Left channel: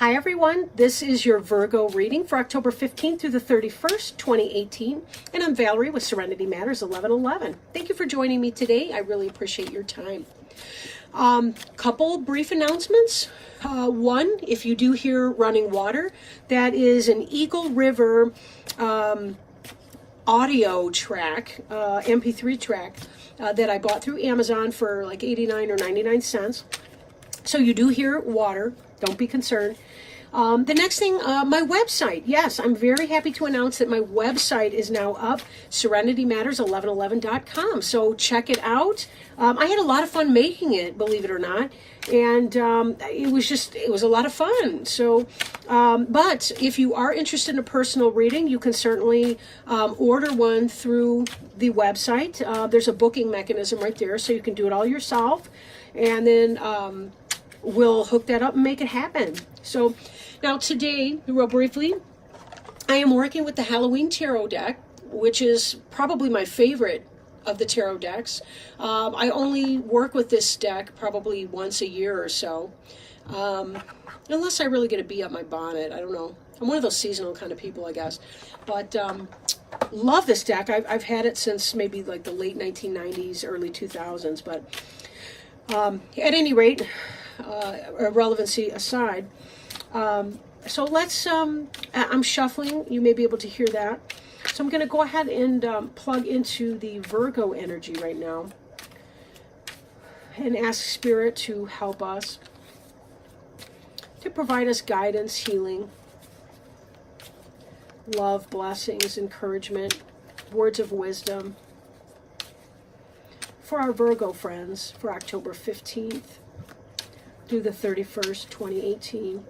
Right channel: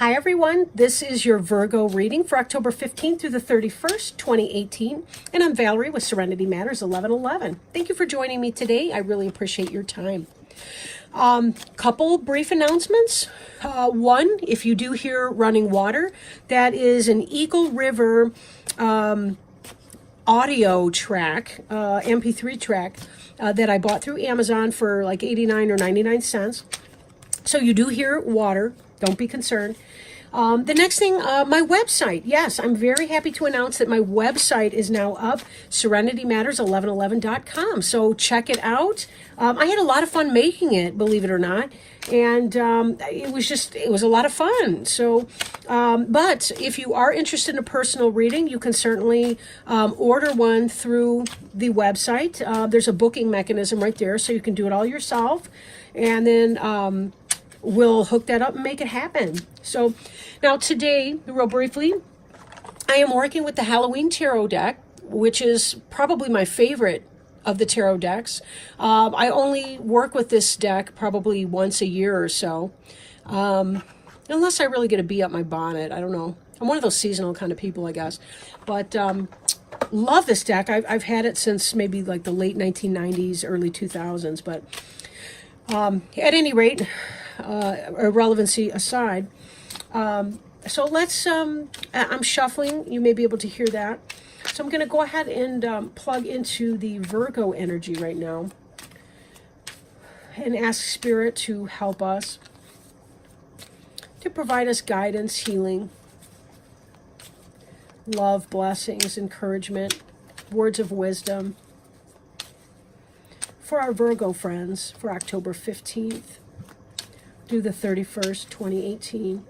Hi everyone, this is your Virgo reading for October 15th through the 31st, 2018, and I'm Valerie with Serenity Matters 1111. Thank you for joining me today. I really appreciate your time. Couple brief announcements. One, if you do hear running water, that is an Eagle River audio track, MP3 track that I bought through Amazon for like 89 or 99 cents. So you do hear water, don't be concerned. The next thing, my website. Yes, I'm very happy to announce that my website is now up, serenitymatters1111.com. So check it out. I had a lot of fun making it, believe it or not. And it was a lot of fun. So, but if you are interested in a personal reading, you can certainly order one through the website. There's a booking mechanism right there, so you can do it all yourself. And then we'll hook that up and make it happen. So now today, real briefly, I am working with the Halloween Tarot deck, which is probably my favorite of the tarot decks. I only work with this deck probably once a year or so, unless I really get a bee up my bonnet. I don't know. I'm one of those seasonal kind of people, I guess. But love this deck. I've had it since maybe like the late 1990s, early 2000s. But at any rate, irrelevancy aside, so let's, I'm shuffling, you may be able to hear that. So I'm going to go ahead and plug into the Virgo energy right now and ask Spirit to help us, to provide us guidance, healing, love, blessings, encouragement, words of wisdom for our Virgo friends for October 15th through the 31st, 2018.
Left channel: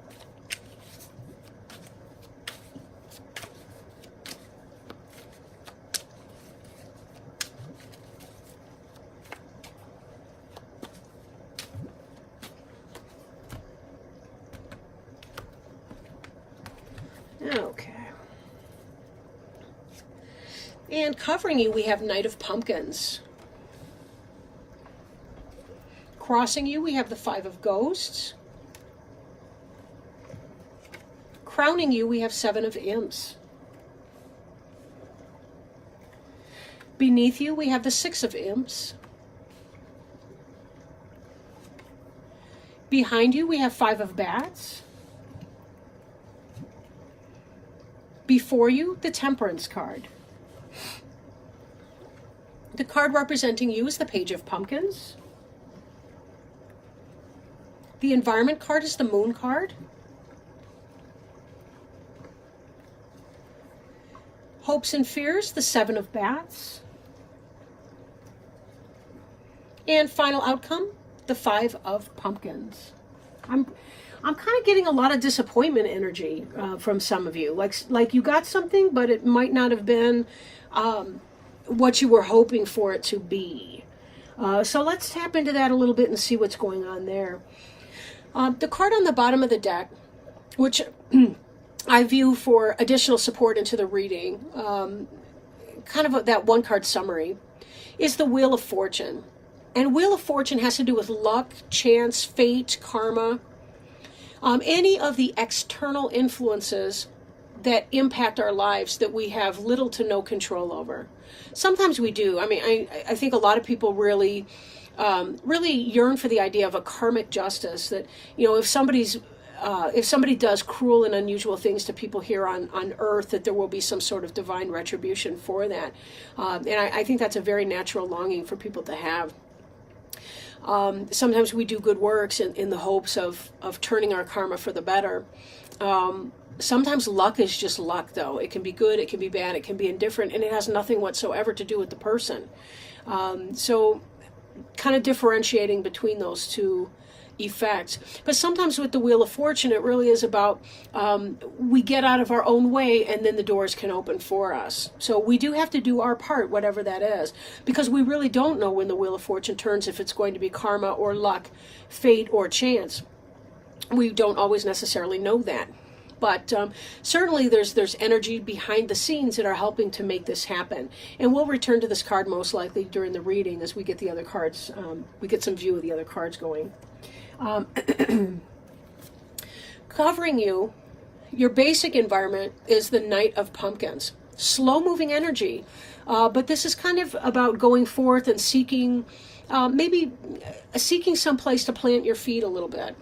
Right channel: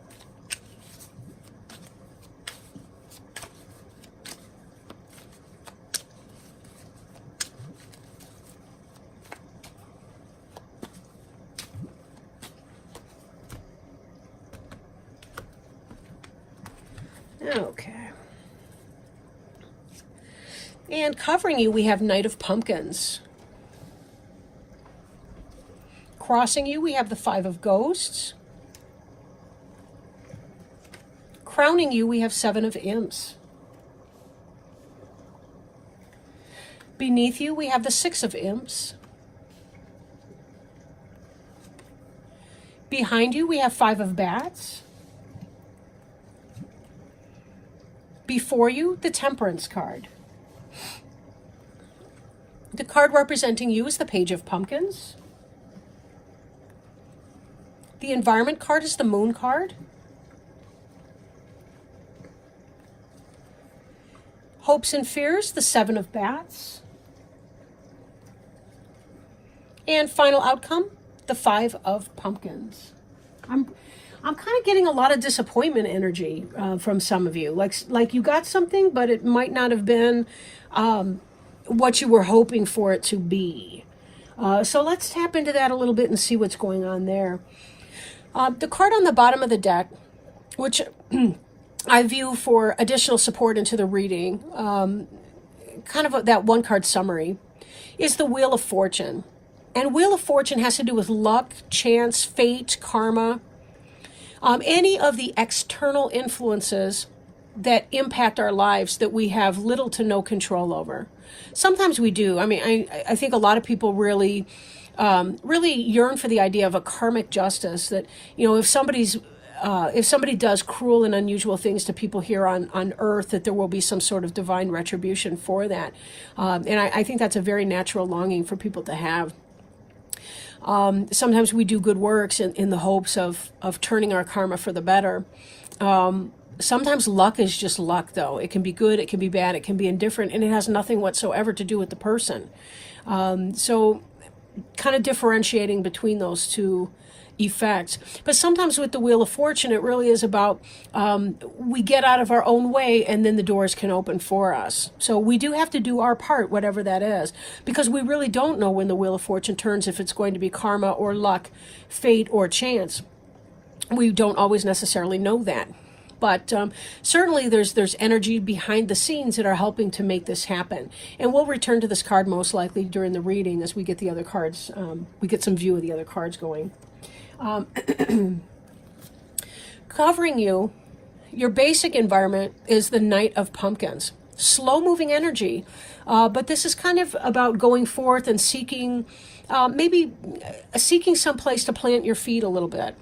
Okay. And covering you, we have Knight of Pumpkins. Crossing you, we have the Five of Ghosts. Crowning you, we have Seven of Imps. Beneath you, we have the Six of Imps. Behind you, we have Five of Bats. Before you, the Temperance card. The card representing you is the Page of Pumpkins. The Environment card is the Moon card. Hopes and Fears, the Seven of Bats. And final outcome, the Five of Pumpkins. I'm kind of getting a lot of disappointment energy from some of you. Like you got something, but it might not have been what you were hoping for it to be. So let's tap into that a little bit and see what's going on there. The card on the bottom of the deck, which I view for additional support into the reading, kind of that one card summary, is the Wheel of Fortune. And Wheel of Fortune has to do with luck, chance, fate, karma, any of the external influences that impact our lives that we have little to no control over. Sometimes we do. I mean, I think a lot of people really yearn for the idea of a karmic justice, that, you know, if somebody does cruel and unusual things to people here on earth, that there will be some sort of divine retribution for that. And I think that's a very natural longing for people to have. Sometimes we do good works in the hopes of turning our karma for the better. Sometimes luck is just luck, though. It can be good, it can be bad, it can be indifferent, and it has nothing whatsoever to do with the person. So kind of differentiating between those two effects. But sometimes with the Wheel of Fortune, it really is about we get out of our own way and then the doors can open for us. So we do have to do our part, whatever that is, because we really don't know when the Wheel of Fortune turns, if it's going to be karma or luck, fate or chance. We don't always necessarily know that. But certainly there's energy behind the scenes that are helping to make this happen. And we'll return to this card most likely during the reading as we get the other cards, we get some view of the other cards going. covering you, your basic environment is the Knight of Pumpkins. Slow moving energy, but this is kind of about going forth and seeking, maybe seeking some place to plant your feet a little bit.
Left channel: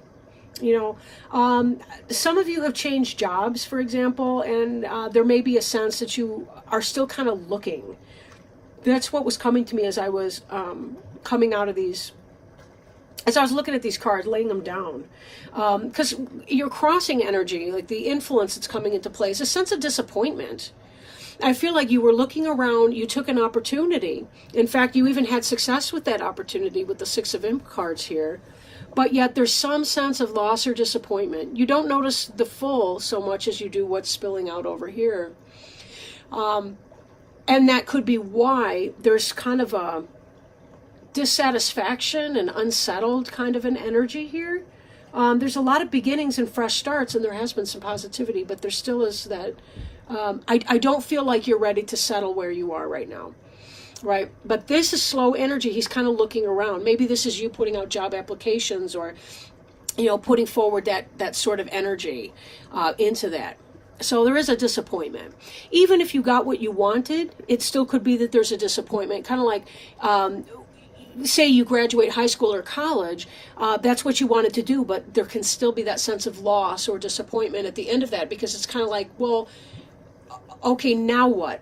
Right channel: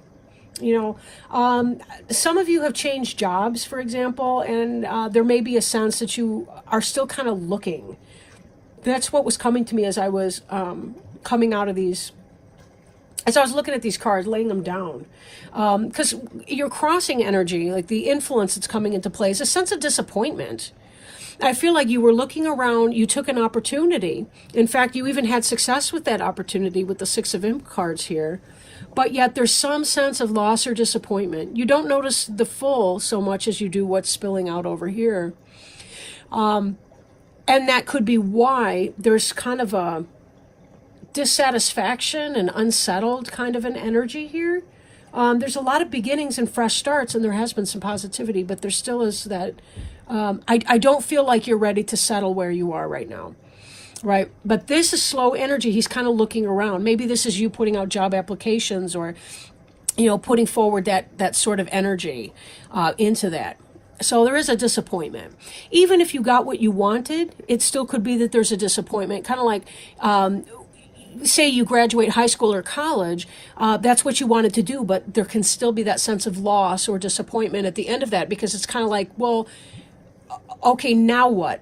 Some of you have changed jobs, for example, and there may be a sense that you are still kind of looking. That's what was coming to me as I was coming out of these, as I was looking at these cards, laying them down. Because your crossing energy, like the influence that's coming into play, is a sense of disappointment. I feel like you were looking around, you took an opportunity. In fact, you even had success with that opportunity with the Six of Imp cards here. But yet there's some sense of loss or disappointment. You don't notice the full so much as you do what's spilling out over here. And that could be why there's kind of a dissatisfaction and unsettled kind of an energy here. There's a lot of beginnings and fresh starts, and there has been some positivity, but there still is that. I don't feel like you're ready to settle where you are right now, right? But this is slow energy. He's kind of looking around. Maybe this is you putting out job applications, or, putting forward that sort of energy into that. So there is a disappointment. Even if you got what you wanted, it still could be that there's a disappointment. Kind of like, say you graduate high school or college, that's what you wanted to do, but there can still be that sense of loss or disappointment at the end of that, because it's kind of like, well, okay, now what?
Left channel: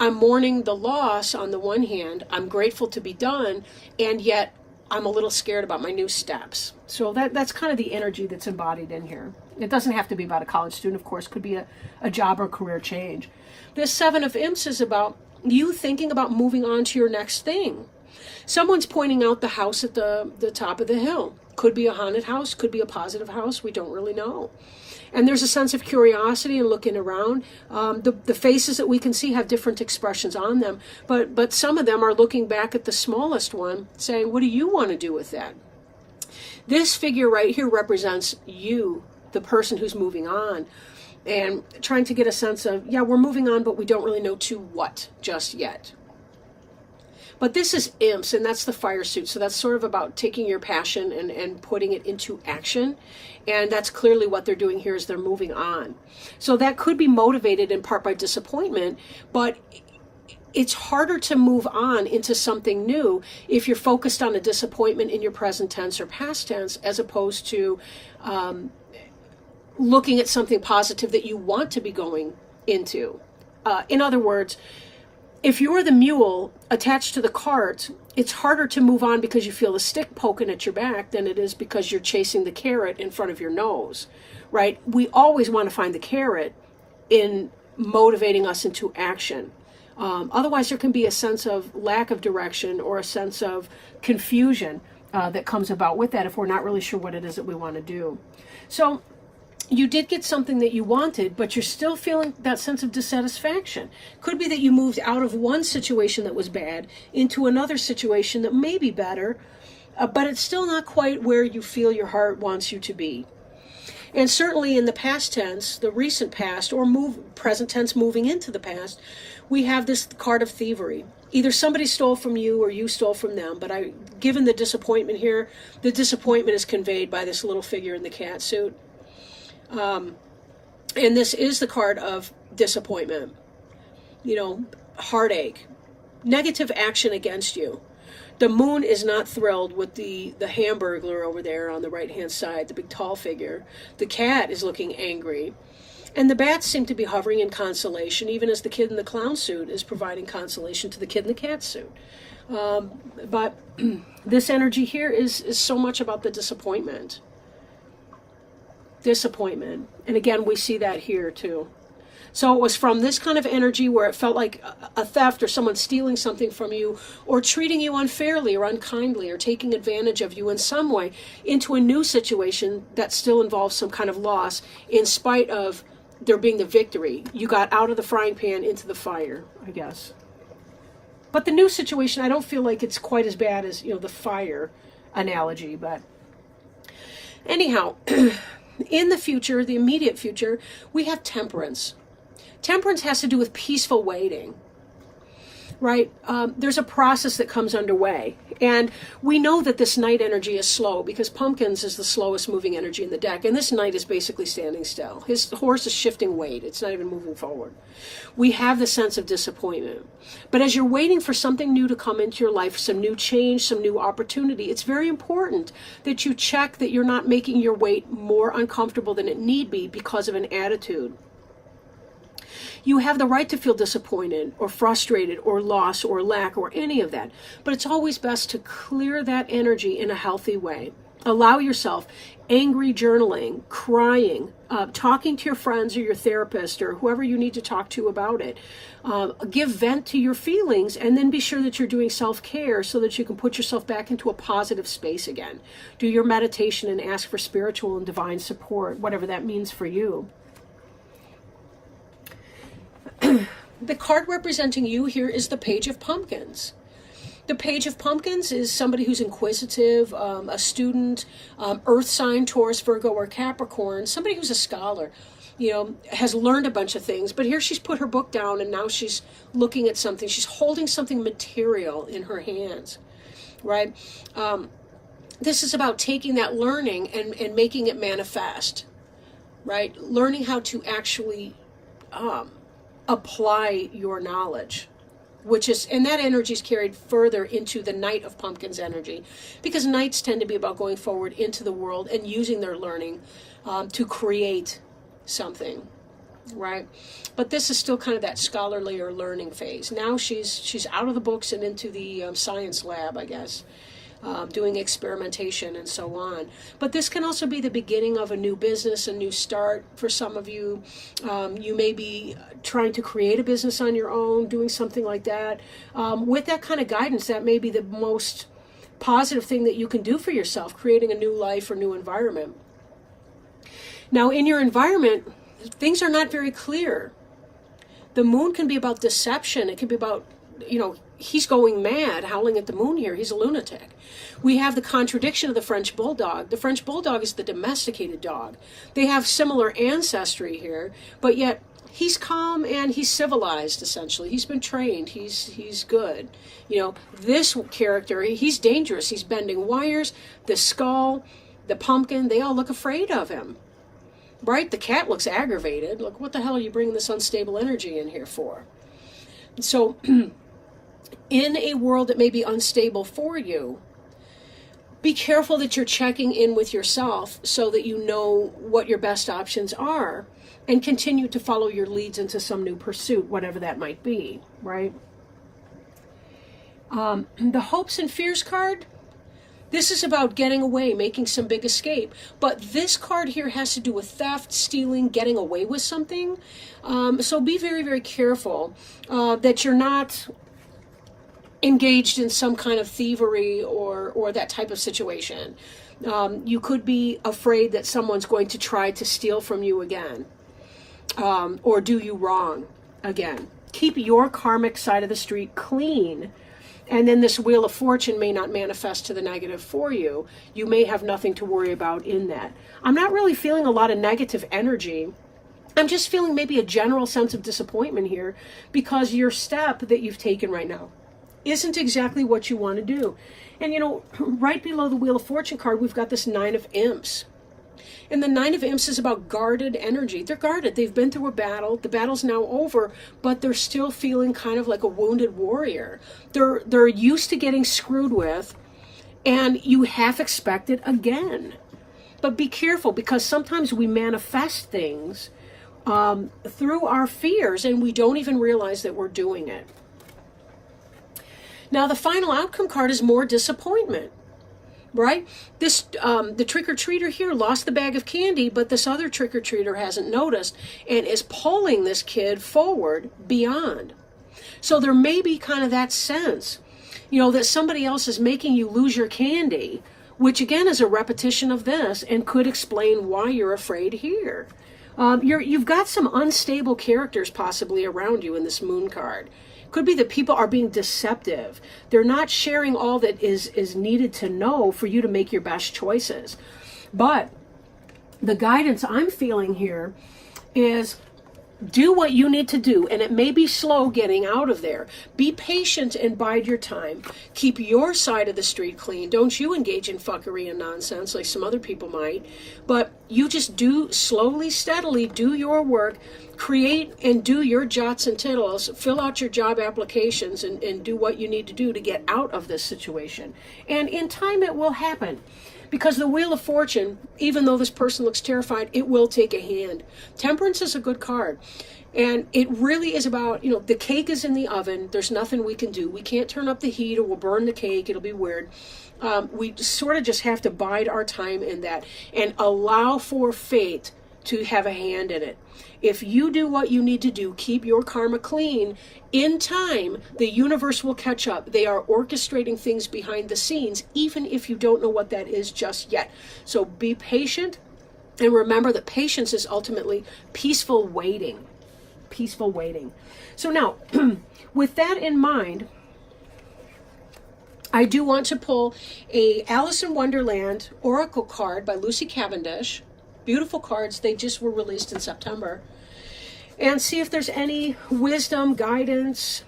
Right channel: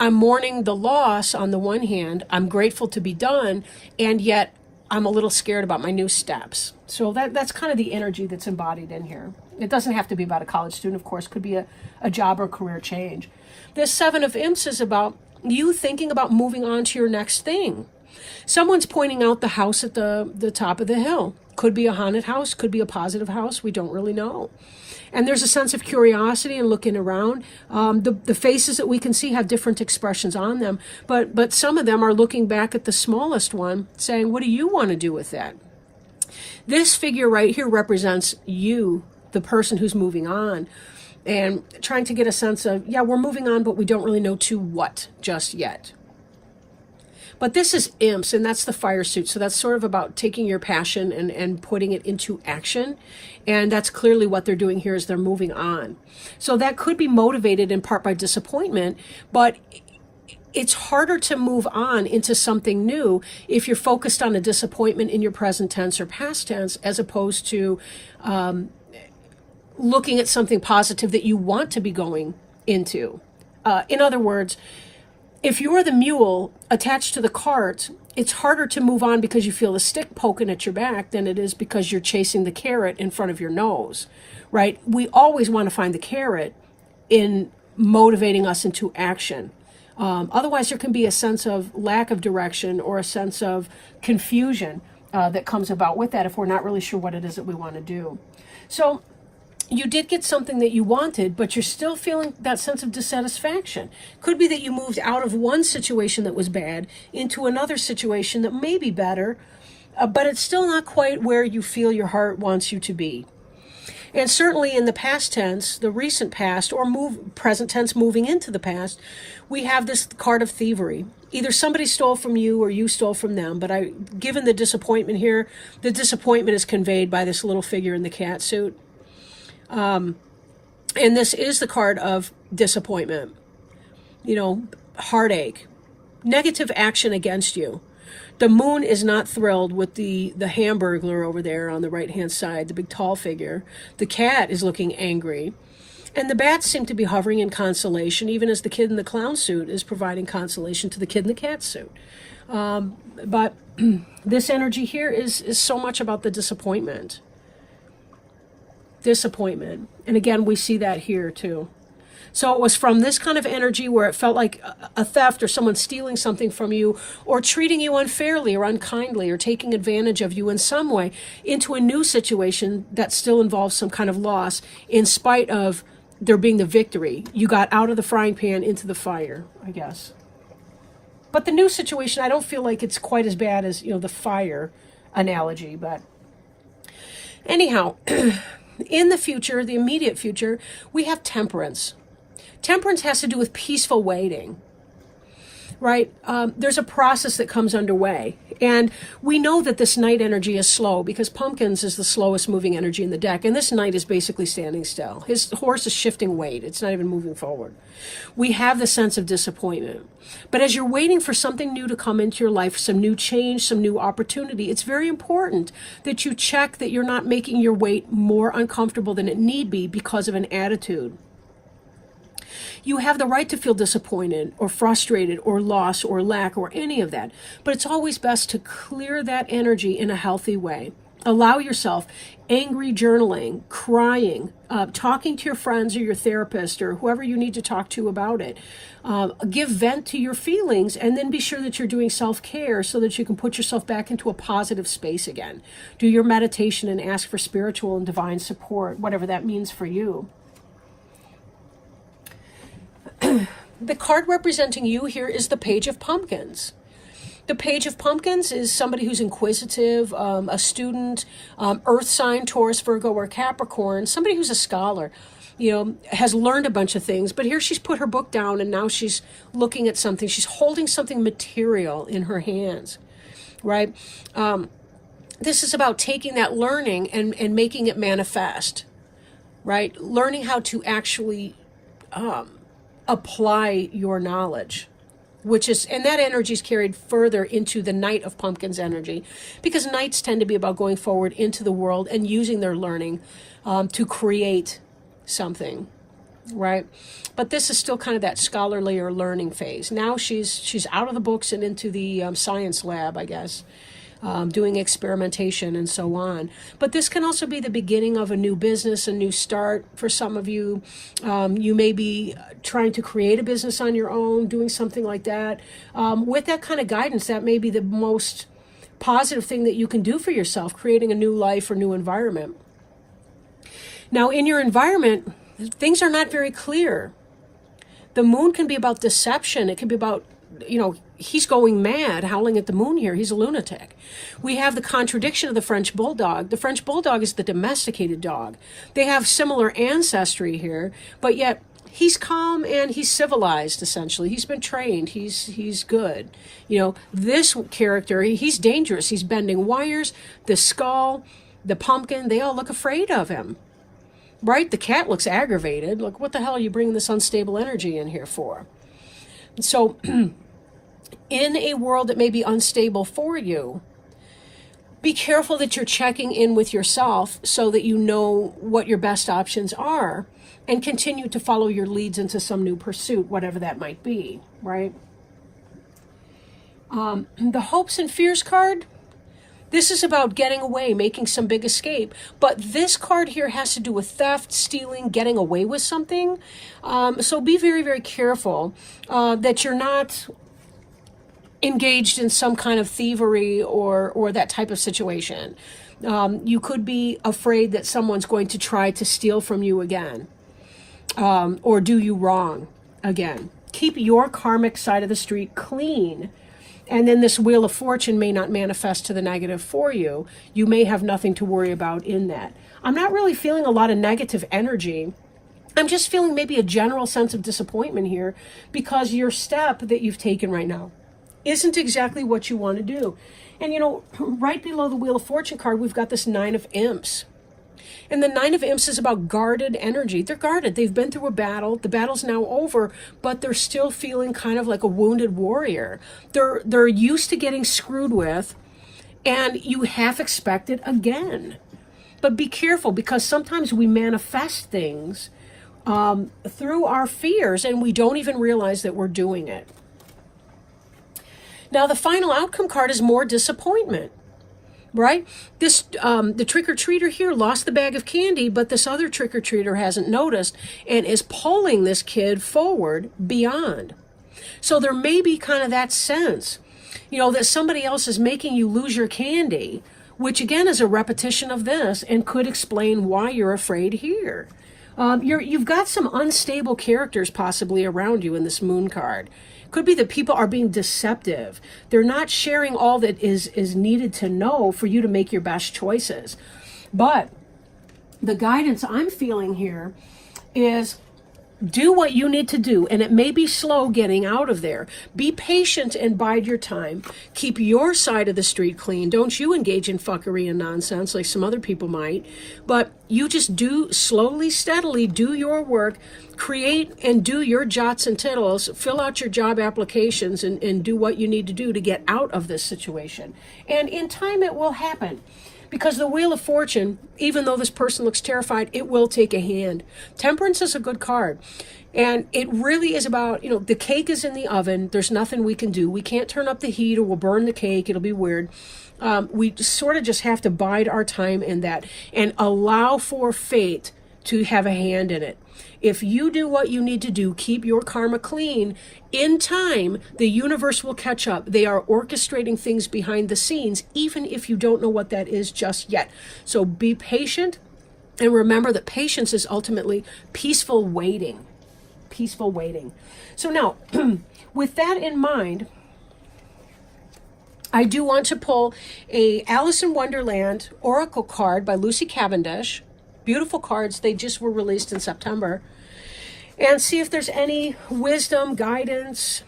I'm mourning the loss on the one hand, I'm grateful to be done, and yet I'm a little scared about my new steps. So that's kind of the energy that's embodied in here. It doesn't have to be about a college student, of course, it could be a job or career change. This Seven of Imps is about you thinking about moving on to your next thing. Someone's pointing out the house at the top of the hill. Could be a haunted house, could be a positive house, we don't really know. And there's a sense of curiosity and looking around. The faces that we can see have different expressions on them, but some of them are looking back at the smallest one, saying, what do you want to do with that? This figure right here represents you, the person who's moving on, and trying to get a sense of, yeah, we're moving on, but we don't really know to what just yet. But this is imps, and that's the fire suit. So that's sort of about taking your passion and putting it into action. And that's clearly what they're doing here, is they're moving on. So that could be motivated in part by disappointment, but it's harder to move on into something new if you're focused on a disappointment in your present tense or past tense, as opposed to looking at something positive that you want to be going into. In other words, if you're the mule attached to the cart, it's harder to move on because you feel a stick poking at your back than it is because you're chasing the carrot in front of your nose, right? We always want to find the carrot in motivating us into action. Otherwise, there can be a sense of lack of direction or a sense of confusion that comes about with that if we're not really sure what it is that we want to do. So you did get something that you wanted, but you're still feeling that sense of dissatisfaction. Could be that you moved out of one situation that was bad into another situation that may be better, but it's still not quite where you feel your heart wants you to be. And certainly in the past tense, the recent past, or present tense moving into the past, we have this card of thievery. Either somebody stole from you or you stole from them, but given the disappointment here, the disappointment is conveyed by this little figure in the cat suit. And this is the card of disappointment, heartache, negative action against you. The moon is not thrilled with the Hamburglar over there on the right-hand side, the big tall figure. The cat is looking angry. And the bats seem to be hovering in consolation, even as the kid in the clown suit is providing consolation to the kid in the cat suit. But this energy here is so much about the disappointment. Disappointment. And again, we see that here too. So it was from this kind of energy where it felt like a theft or someone stealing something from you or treating you unfairly or unkindly or taking advantage of you in some way into a new situation that still involves some kind of loss in spite of there being the victory. You got out of the frying pan into the fire, I guess. But the new situation, I don't feel like it's quite as bad as, the fire analogy. But anyhow, in the future, the immediate future, we have temperance. Temperance has to do with peaceful waiting. right? There's a process that comes underway. And we know that this Knight energy is slow because Pumpkins is the slowest moving energy in the deck. And this Knight is basically standing still. His horse is shifting weight. It's not even moving forward. We have the sense of disappointment. But as you're waiting for something new to come into your life, some new change, some new opportunity, it's very important that you check that you're not making your weight more uncomfortable than it need be because of an attitude. You have the right to feel disappointed or frustrated or lost or lack or any of that. But it's always best to clear that energy in a healthy way. Allow yourself angry journaling, crying, talking to your friends or your therapist or whoever you need to talk to about it. Give vent to your feelings, and then be sure that you're doing self-care so that you can put yourself back into a positive space again. Do your meditation and ask for spiritual and divine support, whatever that means for you. The card representing you here is the Page of Pumpkins. The Page of Pumpkins is somebody who's inquisitive, a student, earth sign, Taurus, Virgo, or Capricorn, somebody who's a scholar, has learned a bunch of things. But here she's put her book down and now she's looking at something. She's holding something material in her hands, right? This is about taking that learning and making it manifest, right? Learning how to actually apply your knowledge, and that energy is carried further into the Knight of Pumpkins energy, because Knights tend to be about going forward into the world and using their learning to create something, right? But this is still kind of that scholarly or learning phase. Now she's out of the books and into the science lab, I guess. Doing experimentation and so on. But this can also be the beginning of a new business, a new start for some of you. You may be trying to create a business on your own, doing something like that. With that kind of guidance, that may be the most positive thing that you can do for yourself, creating a new life or new environment. Now, in your environment, things are not very clear. The moon can be about deception. It can be about, he's going mad, howling at the moon here. He's a lunatic. We have the contradiction of the French Bulldog. The French Bulldog is the domesticated dog. They have similar ancestry here, but yet he's calm and he's civilized, essentially. He's been trained. He's good. This character, he's dangerous. He's bending wires. The skull, the pumpkin, they all look afraid of him, right? The cat looks aggravated. Look, what the hell are you bringing this unstable energy in here for? So in a world that may be unstable for you, be careful that you're checking in with yourself so that you know what your best options are and continue to follow your leads into some new pursuit, whatever that might be, right? The Hopes and Fears card, this is about getting away, making some big escape. But this card here has to do with theft, stealing, getting away with something. So be very, very careful that you're not engaged in some kind of thievery or that type of situation. You could be afraid that someone's going to try to steal from you again, or do you wrong again. Keep your karmic side of the street clean, and then this Wheel of Fortune may not manifest to the negative for you. You may have nothing to worry about in that. I'm not really feeling a lot of negative energy. I'm just feeling maybe a general sense of disappointment here because your step that you've taken right now isn't exactly what you want to do. And right below the Wheel of Fortune card, we've got this Nine of Imps. And the Nine of Imps is about guarded energy. They're guarded. They've been through a battle. The battle's now over, but they're still feeling kind of like a wounded warrior. They're used to getting screwed with, and you half expect it again. But be careful, because sometimes we manifest things through our fears, and we don't even realize that we're doing it. Now, the final outcome card is more disappointment, right? This the trick-or-treater here lost the bag of candy, but this other trick-or-treater hasn't noticed and is pulling this kid forward beyond. So there may be kind of that sense, that somebody else is making you lose your candy, which again is a repetition of this and could explain why you're afraid here. You've got some unstable characters possibly around you in this Moon card. Could be that people are being deceptive. They're not sharing all that is needed to know for you to make your best choices. But the guidance I'm feeling here is Do what you need to do, and it may be slow getting out of there. Be patient and bide your time. Keep your side of the street clean. Don't you engage in fuckery and nonsense like some other people might, but you just do slowly, steadily, do your work, create and do your jots and tittles, fill out your job applications, and do what you need to do to get out of this situation. And in time, it will happen. Because the Wheel of Fortune, even though this person looks terrified, it will take a hand. Temperance is a good card. And it really is about, the cake is in the oven. There's nothing we can do. We can't turn up the heat or we'll burn the cake. It'll be weird. We sort of just have to bide our time in that and allow for fate to have a hand in it. If you do what you need to do, keep your karma clean, in time, the universe will catch up. They are orchestrating things behind the scenes, even if you don't know what that is just yet. So be patient, and remember that patience is ultimately peaceful waiting. Peaceful waiting. So now, with that in mind, I do want to pull a Alice in Wonderland Oracle card by Lucy Cavendish. Beautiful cards. They just were released in September. And see if there's any wisdom, guidance,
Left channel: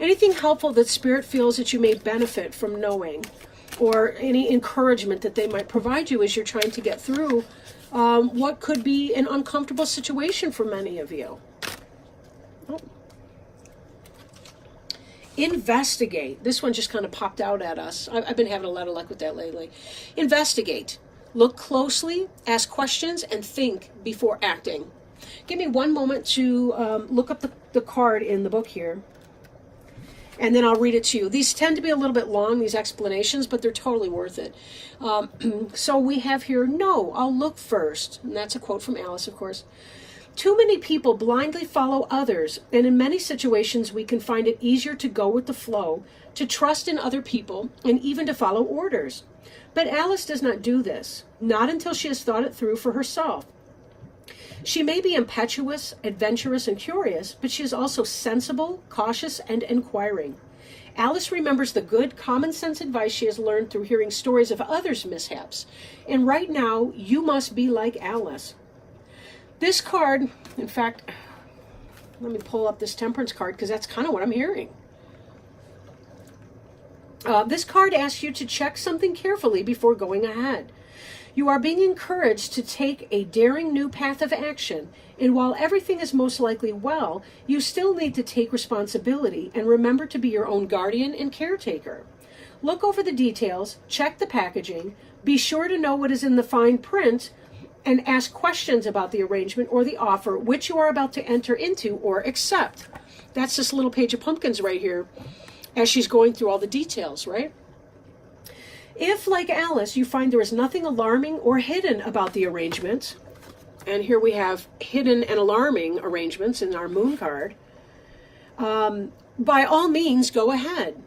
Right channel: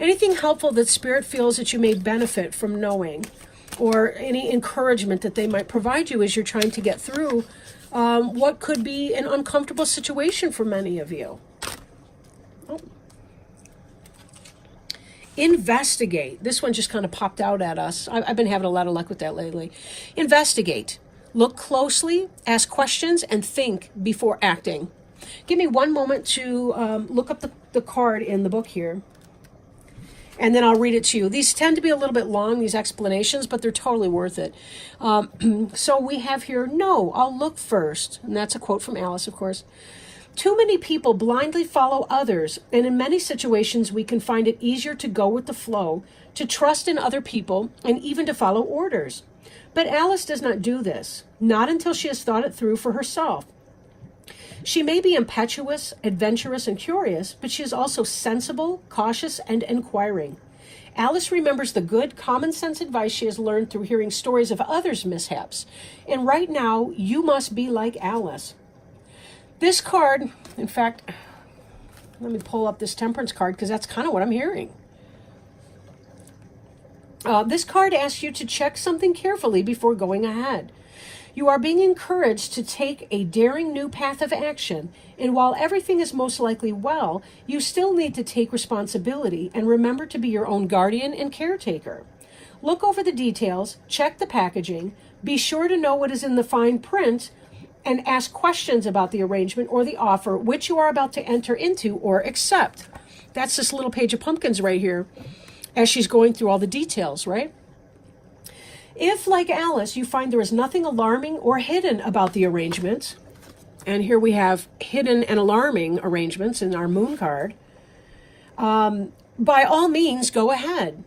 anything helpful that Spirit feels that you may benefit from knowing, or any encouragement that they might provide you as you're trying to get through what could be an uncomfortable situation for many of you. Oh. Investigate. This one just kind of popped out at us. I've been having a lot of luck with that lately. Investigate. Look closely, ask questions, and think before acting. Give me one moment to look up the card in the book here, and then I'll read it to you. These tend to be a little bit long, these explanations, but they're totally worth it. So we have here, no, I'll look first. And that's a quote from Alice, of course. Too many people blindly follow others, and in many situations we can find it easier to go with the flow, to trust in other people, and even to follow orders. But Alice does not do this, not until she has thought it through for herself. She may be impetuous, adventurous, and curious, but she is also sensible, cautious, and inquiring. Alice remembers the good, common-sense advice she has learned through hearing stories of others' mishaps. And right now, you must be like Alice. This card, in fact, let me pull up this Temperance card, because that's kind of what I'm hearing. This card asks you to check something carefully before going ahead. You are being encouraged to take a daring new path of action, and while everything is most likely well, you still need to take responsibility and remember to be your own guardian and caretaker. Look over the details, check the packaging, be sure to know what is in the fine print, and ask questions about the arrangement or the offer which you are about to enter into or accept. That's this little page of pumpkins right here, as she's going through all the details, right? If, like Alice, you find there is nothing alarming or hidden about the arrangement, and here we have hidden and alarming arrangements in our moon card, by all means, go ahead.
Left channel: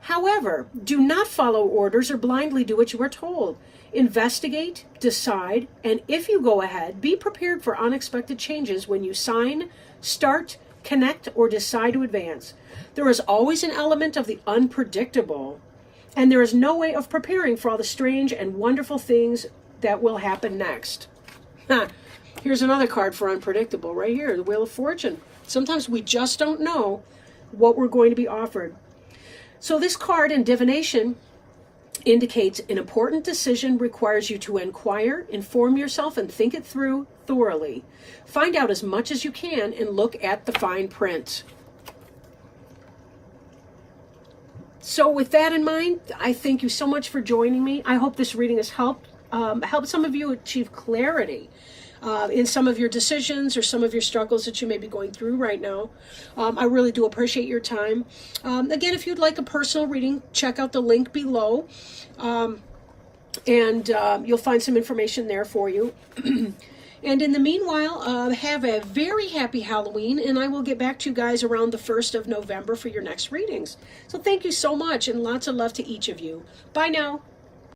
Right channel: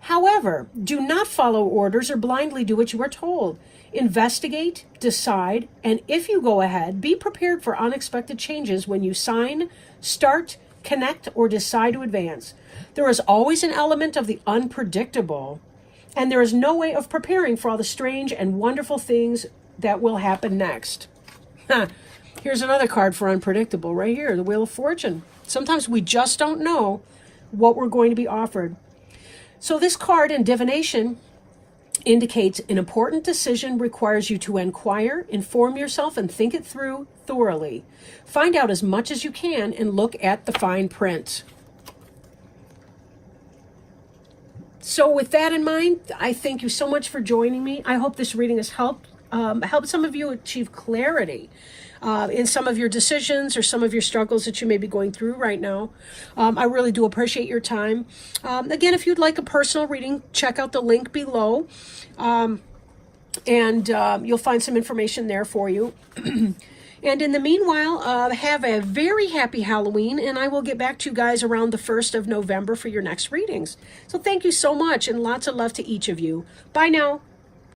However, do not follow orders or blindly do what you are told. Investigate, decide, and if you go ahead, be prepared for unexpected changes when you sign, start, connect, or decide to advance. There is always an element of the unpredictable, and there is no way of preparing for all the strange and wonderful things that will happen next. Here's another card for unpredictable right here, the Wheel of Fortune. Sometimes we just don't know what we're going to be offered. So this card in divination indicates an important decision requires you to inquire, inform yourself, and think it through thoroughly. Find out as much as you can and look at the fine print. So with that in mind, I thank you so much for joining me. I hope this reading has helped some of you achieve clarity in some of your decisions or some of your struggles that you may be going through right now. I really do appreciate your time. Again, if you'd like a personal reading, check out the link below, and you'll find some information there for you. And in the meanwhile, have a very happy Halloween, and I will get back to you guys around the 1st of November for your next readings. So thank you so much, and lots of love to each of you. Bye now.